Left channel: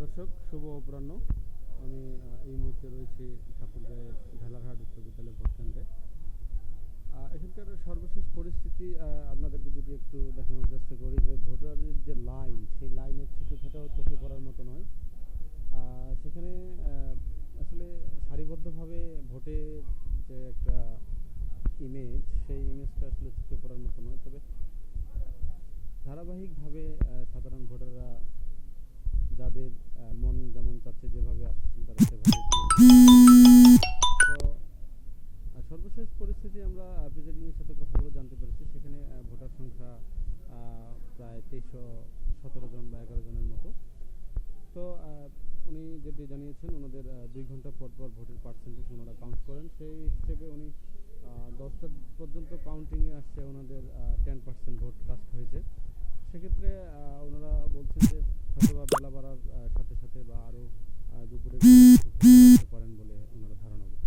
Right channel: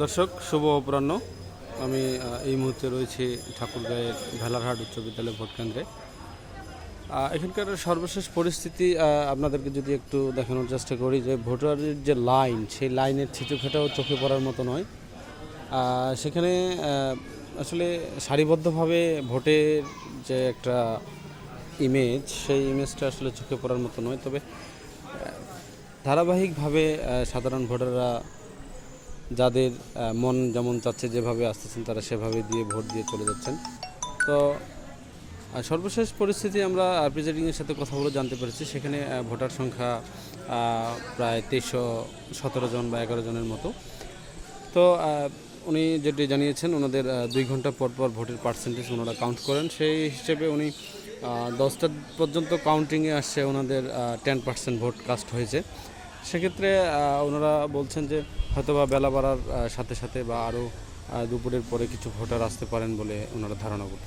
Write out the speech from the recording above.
দর্শক, শুভ অপরাহ্ন। আমি এই মুহূর্তে রয়েছি ঠাকুরগাঁয়ের ভেলারহাট উচ্চ বিদ্যালয় ভোট কেন্দ্রে। এখানকার সর্বশেষ পরিস্থিতি আপনাদেরকে যদি একটু দেখানোর চেষ্টা করি যে ভোটারের যে লাইন, সেই লাইনের ছিটুফেটাও চোখে পড়ার মতো নয়। সেখানে আসলে সারিবদ্ধভাবে ভোটের যে একটা ইমেজ সেই ইমেজটা আসলে চোখে পড়ার মতো নয়। তবে ধারাবাহিকভাবে সাধারণ ভোটাররা যাদের মন যেমন চাচ্ছে যেভাবে আসতেছেন তারা সেভাবে দিয়ে ভোট দিয়ে চলে যাচ্ছেন। তো সর্বশেষ পরিস্থিতি আমরা প্রিজাইডিংয়ের সাথে কথা বলে জানতে পেরেছি। সেখানে ভোটার সংখ্যা প্রায় তেইশশো সতেরো জন বা এগারো জনের মতো। তো উনি যেটি জানিয়েছেন, ওনাদের দুই ঘণ্টা পর পর ভোটের পার্সেন্টেজ ওনারা কাউন্ট করেন। সেই হিসেবে উনি দশটা পর্যন্ত কাউন্টিংয়ে আসছে ওনাদের টেন পার্সেন্ট ভোট কাস্ট হয়েছে। সেক্ষেত্রে ওনারা বলছেন যে হয়তো বা বেলা বাড়ার সাথে সাথে বা আরও দুপুরের পরে কিছু ভোটার আসতে পারেন বলে ওনারা ধারণা করছেন।